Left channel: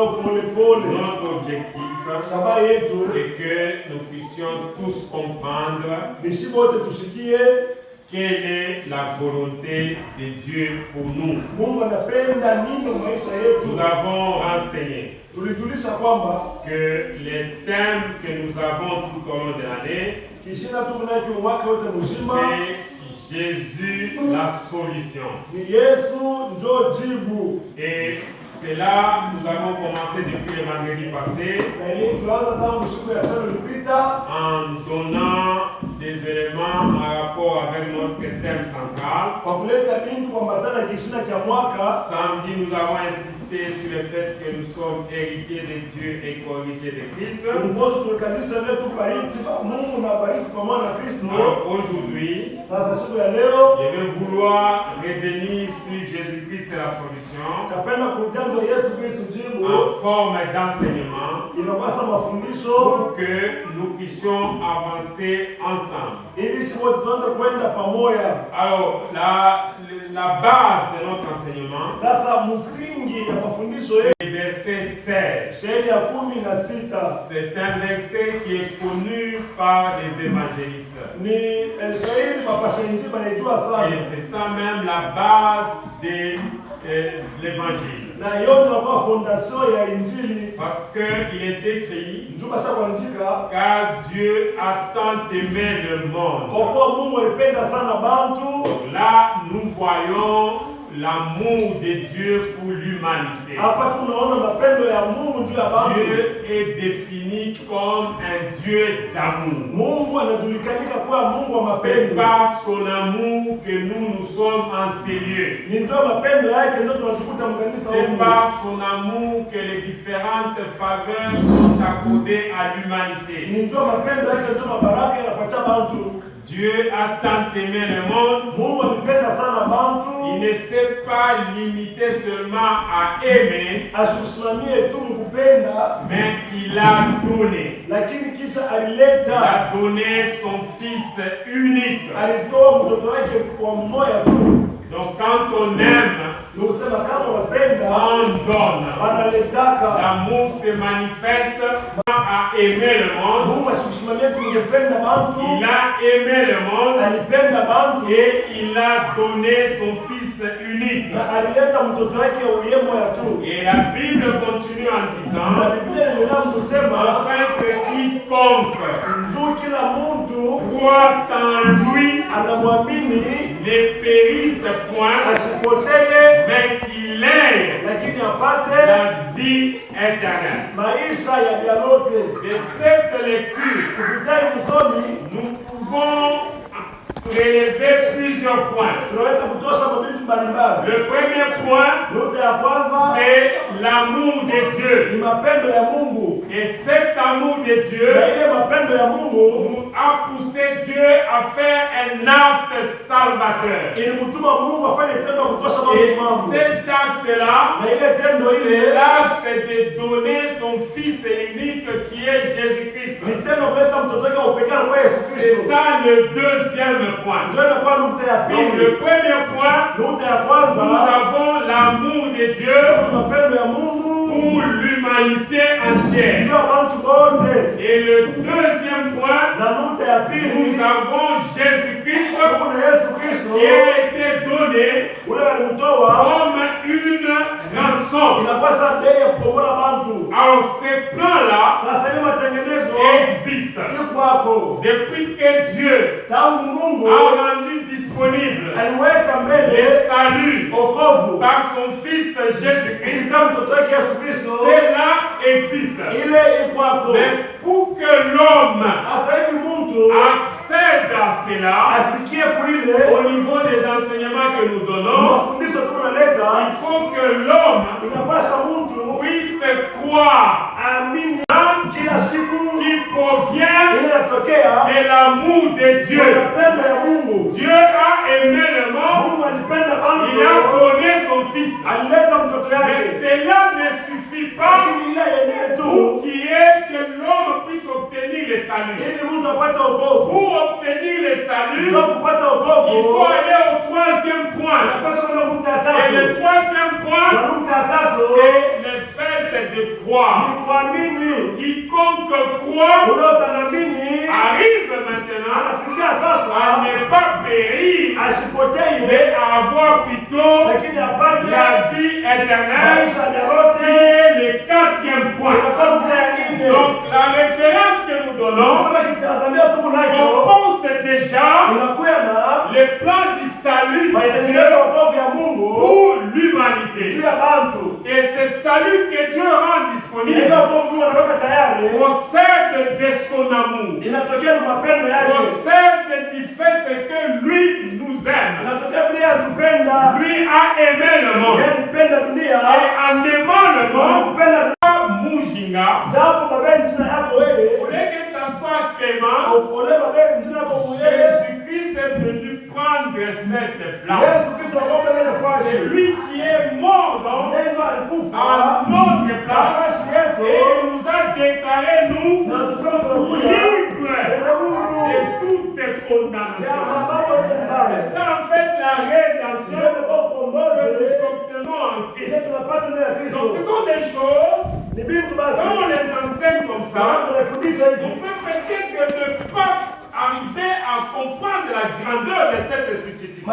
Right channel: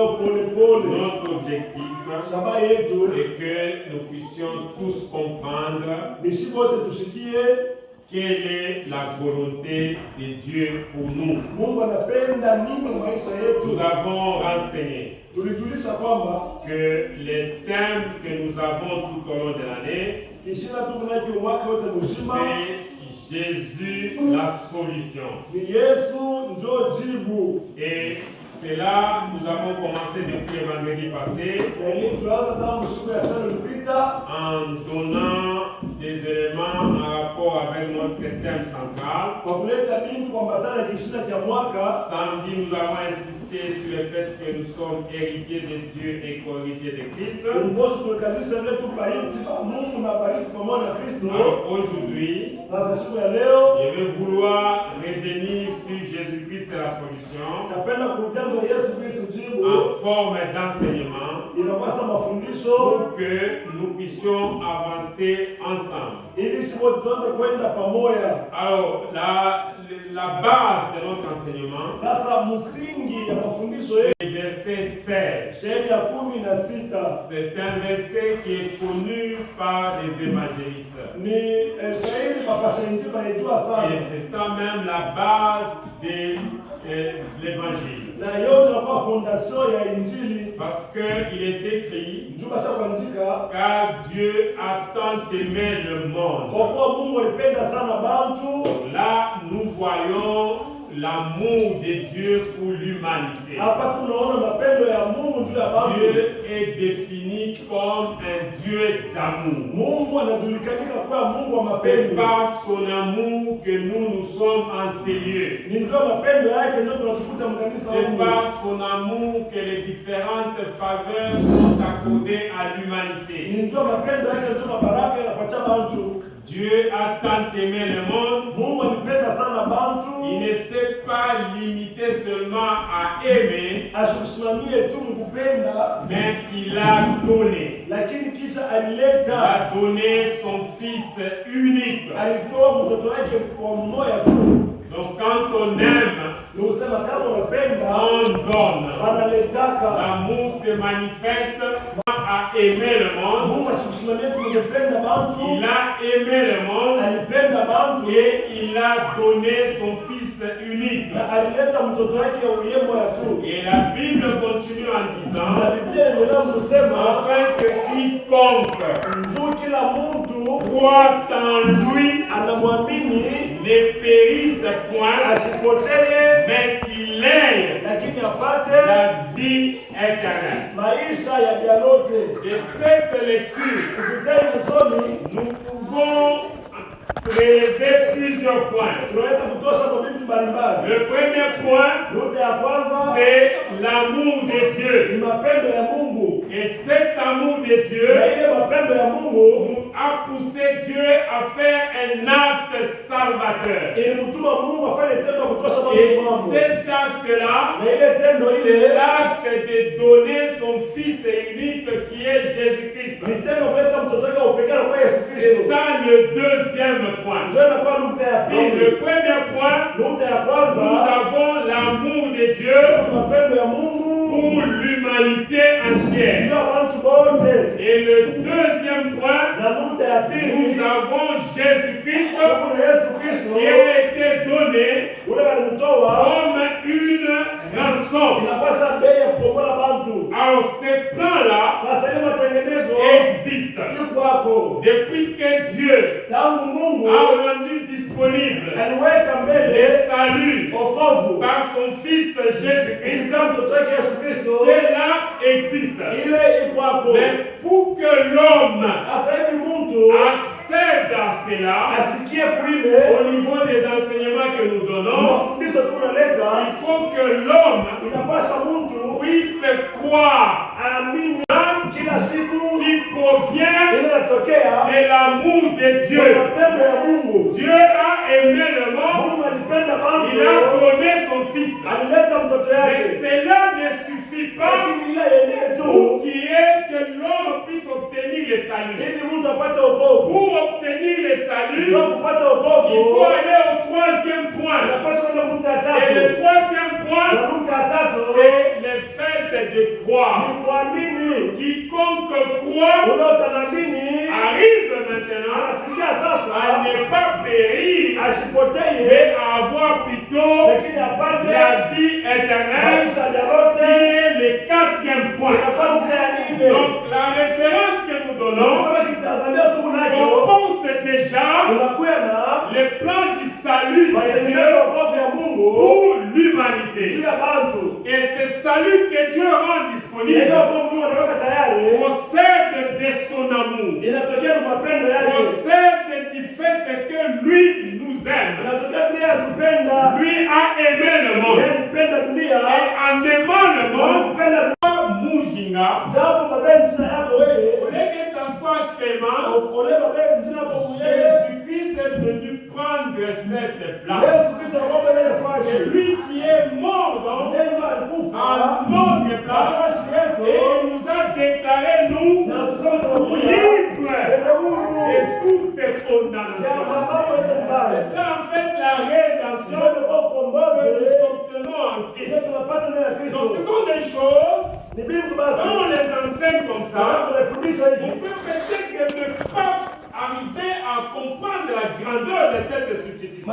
Notre objectif est que nous puissions tous comprendre quelle est la volonté de Dieu pour nous. Nous avons renseigné que les thèmes que nous avons tout au long de l'année, c'est Jésus la solution. Et c'est là nous avons commencé depuis le vendredi passé en donnant des éléments en rapport avec notre thème central. Samedi, nous avons insisté sur le fait que nous sommes héritiers de Dieu et co-héritiers de Christ. Alors aujourd'hui, je vais vouloir revenir sur Jésus-Christ et la solution en forme d'enseignement pour que nous puissions avancer ensemble. Alors, la base de notre enseignement, c'est le verset 16. C'est un verset qui est connu par les évangélistes. Et c'est ça même la base de l'évangile. Parce qu'il est écrit, car Dieu a tant aimé le monde. Donc là, nous voyons l'amour de Dieu pour l'humanité. Dieu est défini comme un Dieu d'amour. C'est par son amour que nous sommes en ces lieux. C'est par son amour que les différentes faveurs sont accordées à l'humanité. Dieu a tant aimé le monde, il ne s'est pas limité seulement à aimer, mais il a donné. Il a donné son Fils unique. Donc quand on aime, on donne. L'amour se manifeste à aimer le monde. Il a aimé le monde et il a donné son Fils unique. Et la Bible continue en disant, afin que quiconque croit en lui ne périsse point, mais qu'il ait la vie éternelle. Et cette lecture, nous pouvons prélever plusieurs points. Le premier point, c'est l'amour de Dieu. Et cet amour de Dieu nous a poussé Dieu à faire un acte salvateur. Et cet acte-là, c'est l'acte de donner son Fils unique qui est Jésus-Christ. C'est ça le deuxième point. Donc le premier point, nous avons l'amour de Dieu pour l'humanité entière. Et le deuxième point, nous avons Jésus-Christ qui a été donné comme une rançon. Alors ces plans-là existent depuis que Dieu a rendu disponible le salut par son Fils Jésus-Christ. Cela existe. Mais pour que l'homme accède à cela, au niveau des enseignements que nous donnons, il faut que l'homme puisse croire qui provient de l'amour de Dieu. Dieu a aimé le monde, il a donné son Fils. Mais cela ne suffit pas pour que l'homme puisse obtenir le salut. Pour obtenir le salut, il faut aller au troisième point. Et le troisième point, c'est le le fait de croire. Quiconque croit arrive maintenant à ne pas périr, mais à avoir plutôt la vie éternelle, qui est le 4e point. Donc la référence que nous donnons comporte déjà le plan du salut de Dieu pour l'humanité. Et ce salut que Dieu rend disponible procède de son amour, procède du fait que lui nous aime. Lui a aimé le monde. Et en aimant le monde, Mujinga, au lieu que ça soit Clémence, Jésus-Christ est venu prendre cette place. C'est lui qui est mort à notre place et nous a déclaré nous libres de toute condamnation. C'est ça en fait la rédemption que nous obtenons en Christ. Donc ce sont des choses, quand on les enseigne comme ça, on peut peut-être ne pas arriver à comprendre la grandeur de cette substitution.